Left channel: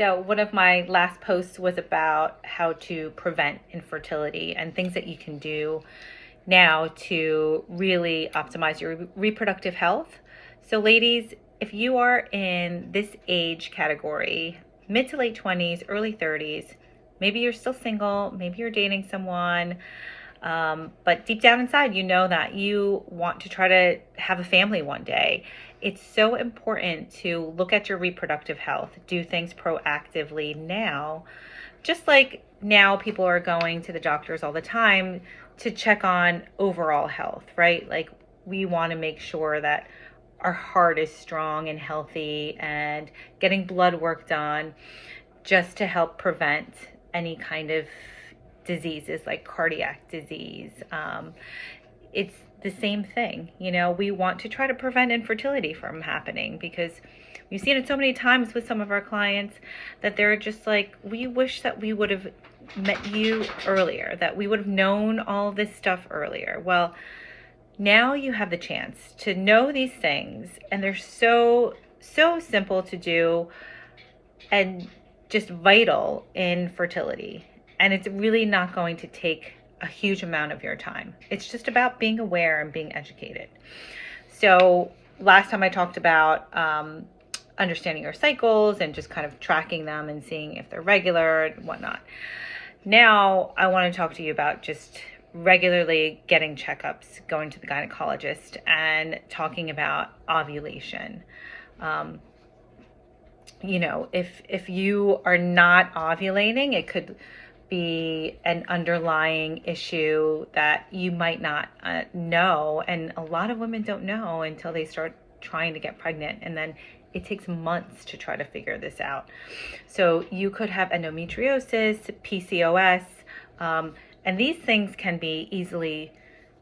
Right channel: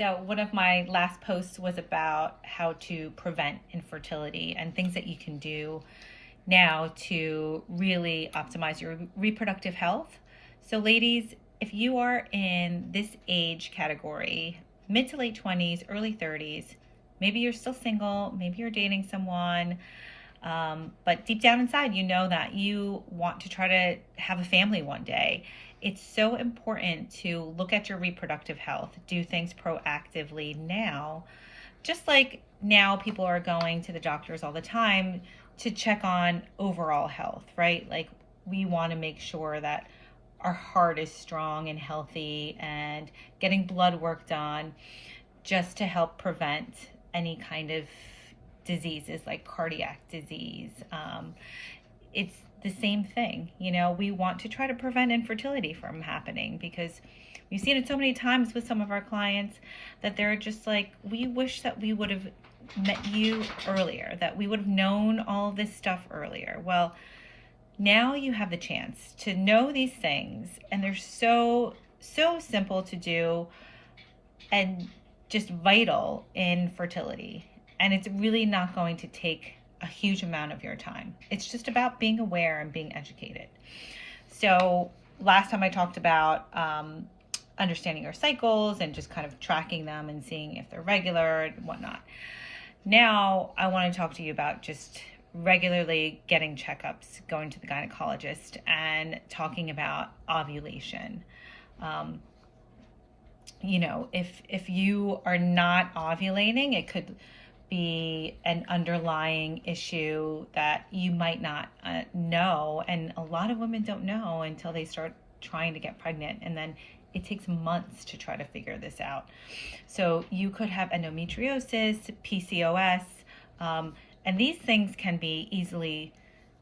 So one of my last posts was about how to prevent infertility and things that you can do now to really optimize your reproductive health. So ladies, if you are in this age category, mid to late 20s, early 30s, maybe you're still single, maybe you're dating someone, but deep down inside, you know that you want to try to have a family one day. It's so important to look at your reproductive health, do things proactively now. Just like now people are going to the doctors all the time to check on overall health, right? Like we want to make sure that our heart is strong and healthy and getting blood work done just to help prevent any kind of diseases like cardiac disease. It's the same thing, you know, we want to try to prevent infertility from happening because we've seen it so many times with some of our clients that they're just like, we wish that we would have met you earlier, that we would have known all this stuff earlier. Well, now you have the chance to know these things, and they're so simple to do and just vital in fertility. And it's really not going to take a huge amount of your time. It's just about being aware and being educated. So last time I talked about understanding your cycles and just kind of tracking them and seeing if they're regular and whatnot. Now I want to talk to you about just regularly getting checkups, going to the gynecologist, and talking about ovulation. You know, if you are not ovulating, it could be an underlying issue that you might not know. And a lot of women don't know until they start trying to get pregnant. And then it takes months to try to figure this out. So you could have endometriosis, PCOS, and these things can be easily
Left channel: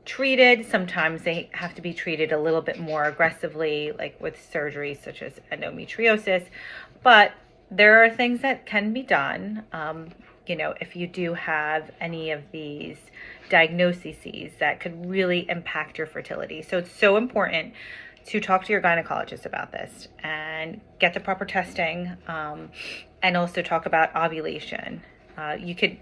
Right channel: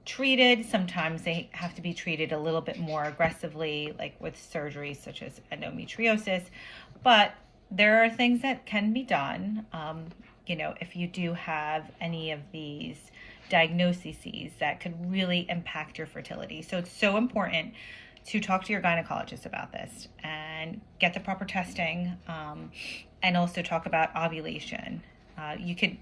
treated. Sometimes they have to be treated a little bit more aggressively, like with surgery such as endometriosis. But there are things that can be done. You know, if you do have any of these diagnoses that could really impact your fertility. So it's so important to talk to your gynecologist about this and get the proper testing, and also talk about ovulation. You could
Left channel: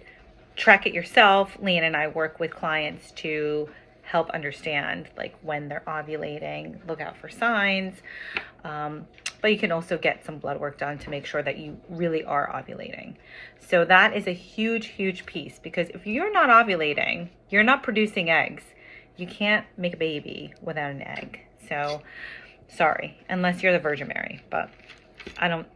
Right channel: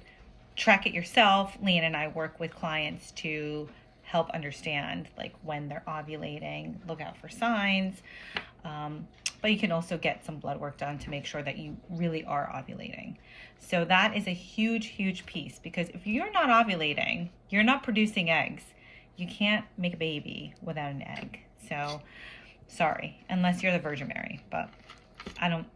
track it yourself. Leanne and I work with clients to help understand like when they're ovulating, look out for signs. But you can also get some blood work done to make sure that you really are ovulating. So that is a huge, huge piece, because if you're not ovulating, you're not producing eggs. You can't make a baby without an egg. So sorry, unless you're the Virgin Mary, but I don't